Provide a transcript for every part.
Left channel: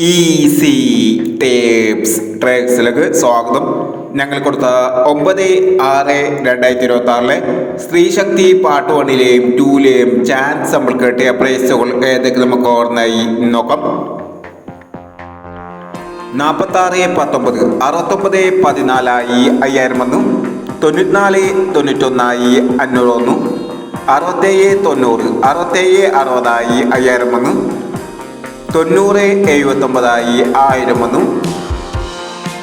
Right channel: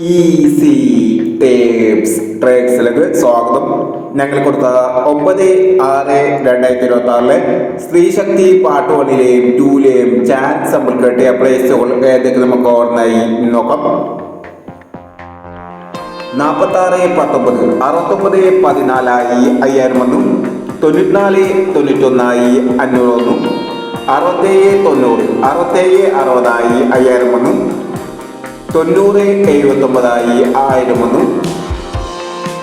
Easy tapes ട്രേക്സിലേക്ക് സ്വാഗതം. ഞങ്ങൾ കൊടുത്ത 9/6/2026 സ്ത്രീ ശക്തി പാർട്ട് 1ലെയും 2ലെയും ചാൻസ് നമ്മൾ കിട്ടിയ പ്രൈസുകൾ ഏതൊക്കെ നമുക്ക് ഓർമ്മയായി നോക്കാം. 46-19 69-14 5000 94-91 500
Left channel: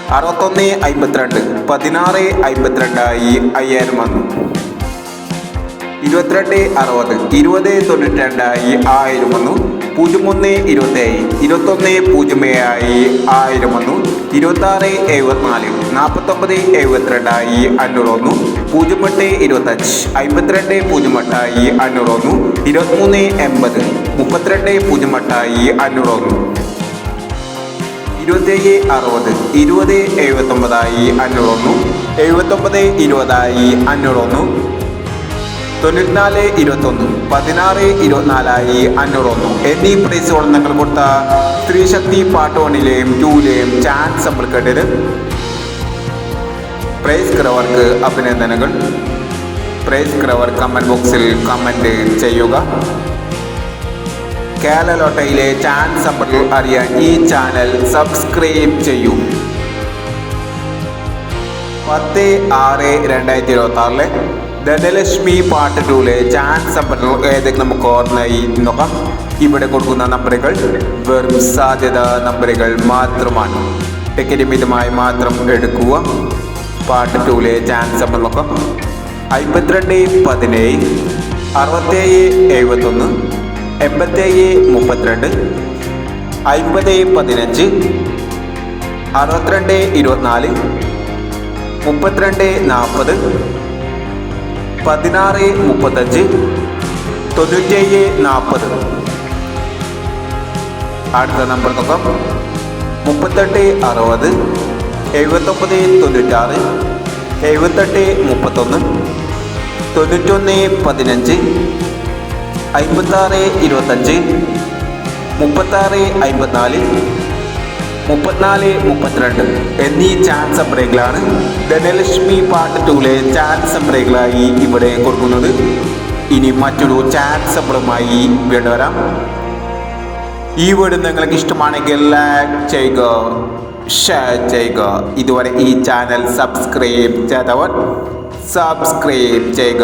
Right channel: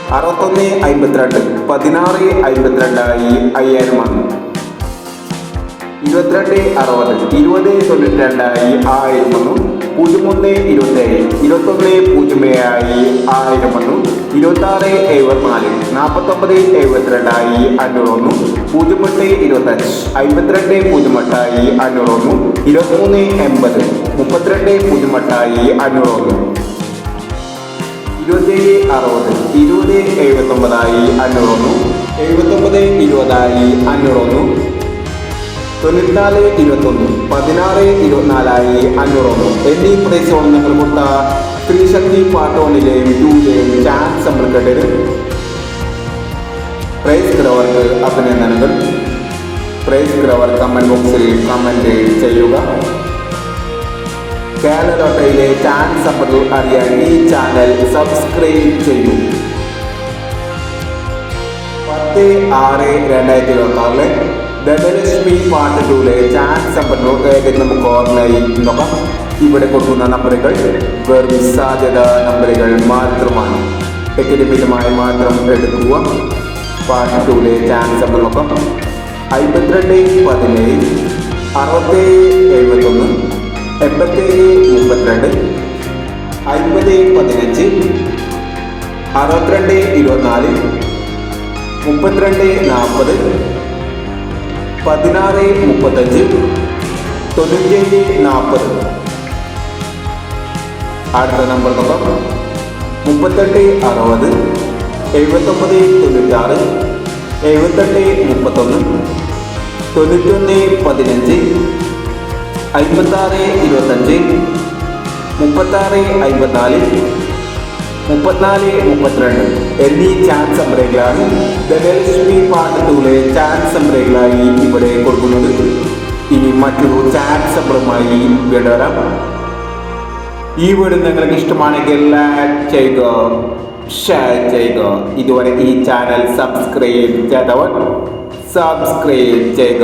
67-90 67-60 5000 90-79 1000 61-52 16-52 5000 22-60 20-92 1000 01-27 21-07 1000 26-74 49-72 500 08-25 52-08 500 23-80 32-08 500 27-60 20-79 500 79-20 500 94-21 16-24 500 എന്നീ പ്രൈസുകൾ ഞങ്ങൾ കൊടുത്ത സ്ത്രീ ശക്തി പാർട്ട് 1ലെയും 2ലെയും ചാൻസ് നമ്മൾ കേട്ടത്. പ്രൈസ് കിടവർക്ക് അഭിനന്ദനങ്ങൾ. പ്രൈസ് കിടവർ കമന്റ് ബോക്സിൽ കമന്റ് ചെയ്യുക. കേരളോട്ടയിലെ ചാൻസ് നമ്മൾ അറിയാൻ ഈ ചാനൽ സബ്സ്ക്രൈബ് ചെയ്യൂ. 10/6/2026 ധനലക്ഷ്മി പാർട്ട് 2ലെ ചാൻസ് നമ്പർ ഏതൊക്കെ നമുക്ക് ഓൺലൈൻ നോക്കാം. ഇവിടെ കൊടുക്കുന്ന നമ്പറുകൾ വെറും സാധ്യത നമ്പറുകൾ മാത്രമാണ്. ടിക്കറ്റ് മാത്രം എടുക്കുക. പാർട്ട് 2ലെ ചാൻസ് നമ്പർ നോക്കാം. 52-17 67-71 87-32 50-15 62-24 32-40 16-35 97-40. അടുത്ത നമ്പർ നോക്കാം. 38-60 79-96 78-31 91-15 56-25 36-54 34-32 എന്നീ ചാൻസ് നമ്പറുകളാണ് ധനലക്ഷ്മി പാർട്ട് 2ലെ ചാൻസ് നമ്പറുകളായി ഇവിടെ കൊടുക്കുന്നത്. ഇനി മറ്റൊരു ചാൻസ് നമ്പറുമായി വീണ്ടും വരാം. ഈ വീഡിയോ നിങ്ങൾക്ക് ഇഷ്ടമാണെങ്കിൽ ലൈക്ക് ചെയ്യുക, ഷെയർ ചെയ്യുക. ഇതുവരെ ഈ ചാനൽ സബ്സ്ക്രൈബ് ചെയ്തവർ സബ്സ്ക്രൈബ് ചെയ്യുക.